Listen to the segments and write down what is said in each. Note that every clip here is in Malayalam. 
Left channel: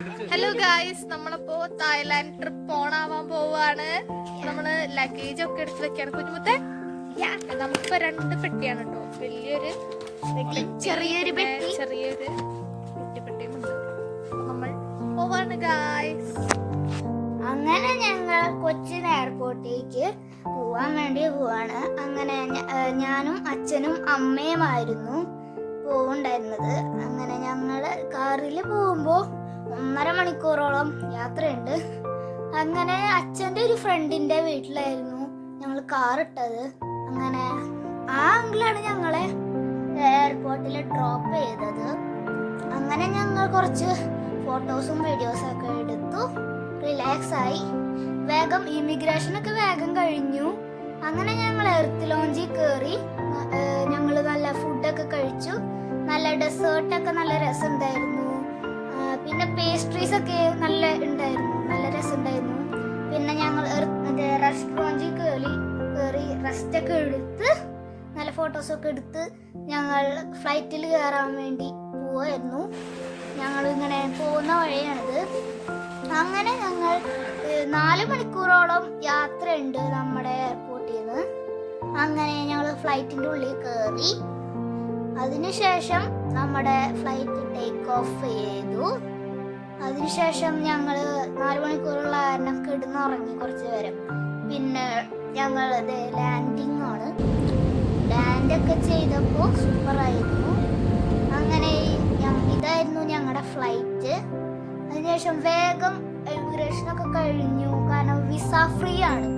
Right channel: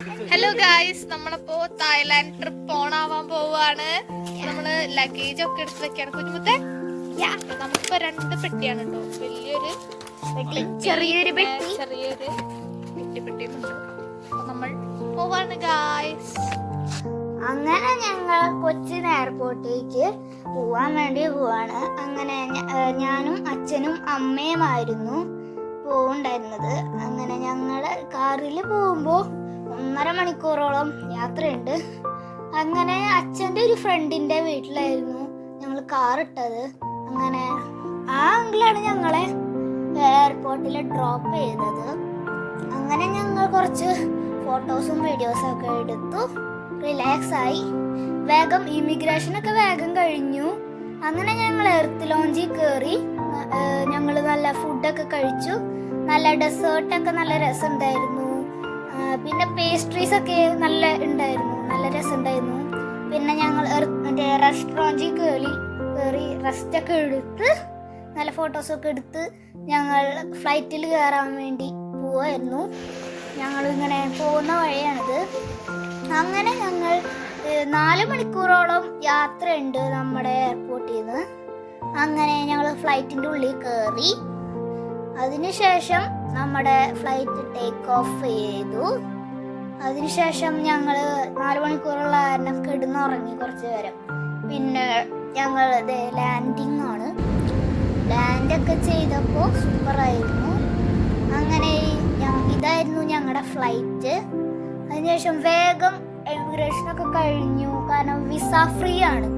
ഹലോ ഗായ്സ്, നമ്മളിപ്പോ തായ്ലാൻഡ് ട്രിപ്പ് പോണാവാൻ പോവാണ്. നമ്മള് ലഗേജ് ഒക്കെ എടുത്ത് വെക്കാണ്. കുഞ്ഞുമുത്തെ നമുക്കിപ്പോ 2 പെട്ടിയാണ് കേട്ടോ. വലിയൊരു ചെറിയൊരു കുട്ടിപ്പെട്ടിയും ഉണ്ട്. അപ്പൊ നമ്മൾ പോവാണ് ഗായ്സ്. അങ്ങനെ ഞങ്ങൾ കൊച്ചിൻ എയർപോർട്ടിലേക്ക് പോവാൻ വേണ്ടി പോവാണ്. അങ്ങനെ ഞാനും അച്ഛനും അമ്മയുമായിരുന്നു പോവുണ്ടായിരുന്നത്. അങ്ങനെ ഞങ്ങള് കാറിൽ പോകുമ്പോൾ 1.5 മണിക്കൂറോളം യാത്രയുണ്ട്. അങ്ങനെ അച്ഛൻ്റെ ഒരു ഫ്രണ്ടിന്റെ വീട്ടിലായിരുന്നു ഞങ്ങൾ കാർ ഇട്ടത്. അങ്ങനെ ആ അങ്കിളാണ് ഞങ്ങളെ എയർപോർട്ടിൽ ഡ്രോപ്പ് ചെയ്തത്. അങ്ങനെ ഞങ്ങൾ കുറച്ച് ഫോട്ടോസും വീഡിയോസും ഒക്കെ എടുത്തു, റിലാക്സ് ആയി. വേഗം ഇമിഗ്രേഷനൊക്കെ വേഗം കഴിഞ്ഞു. അങ്ങനെ ഞങ്ങൾ എർത്ത് ലോഞ്ചിൽ കയറി. ഞങ്ങൾ നല്ല ഫുഡൊക്കെ കഴിച്ചു. നല്ല ഡെസേർട്ടൊക്കെ നല്ല രസമുണ്ടായിരുന്നു. പിന്നെ പേസ്ട്രീസ് ഒക്കെ നല്ല ഉണ്ടായിരുന്നു, നല്ല രസമുണ്ടായിരുന്നു. പിന്നെ ഞങ്ങൾ റെസ്റ്റോറൻറ്റിൽ കയറി റെസ്റ്റൊക്കെ എടുത്ത് നല്ല ഫോട്ടോസൊക്കെ എടുത്ത് ഞങ്ങൾ ഫ്ലൈറ്റിൽ കയറാൻ വേണ്ടി പോവായിരുന്നു. ഞങ്ങൾ ഇങ്ങനെ പോകുന്ന വഴിയാണിത്. അങ്ങനെ ഞങ്ങൾ 4 മണിക്കൂറോളം യാത്രയുണ്ട് നമ്മുടെ എയർപോർട്ടിൽ നിന്ന്. അങ്ങനെ ഞങ്ങൾ ഫ്ലൈറ്റിൻ്റെ ഉള്ളിൽ കയറി. അതിനുശേഷം നമ്മുടെ ഫ്ലൈറ്റ് ടേക്ക് ഓഫ് ചെയ്തു. അതിനുശേഷം ഞങ്ങൾ 4 മണിക്കൂറുള്ള കാരണം കിടന്നുറങ്ങി കുറച്ച് നേരം. പിന്നെ ഞങ്ങൾ ലാൻഡിങ് ആണ്. ലാൻഡൊക്കെ ചെയ്തപ്പോൾ സൂപ്പറായിരുന്നു. അങ്ങനെ ഇതായിരുന്നു ഞങ്ങളുടെ ഫ്ലൈറ്റ്. അതിനുശേഷം വേഗം ഇമിഗ്രേഷനൊക്കെ കഴിഞ്ഞു, കാരണം വിസ ഫ്രീ ആണ്.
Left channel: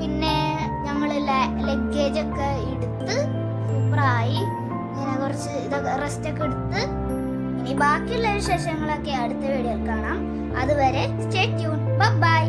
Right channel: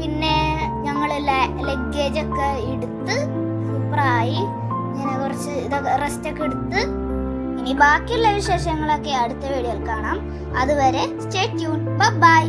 പിന്നെ ഞങ്ങൾ ലഗേജൊക്കെ എടുത്ത് സൂപ്പറായി. ഇങ്ങനെ കുറച്ച് ഇതൊക്കെ റെസ്റ്റൊക്കെ എടുത്ത് ഇനി ബാക്കിയുള്ള വിശേഷങ്ങളൊക്കെ അടുത്ത വീഡിയോയിൽ കാണാം. അതുവരെ സ്റ്റേ ട്യൂൺ. ബൈ.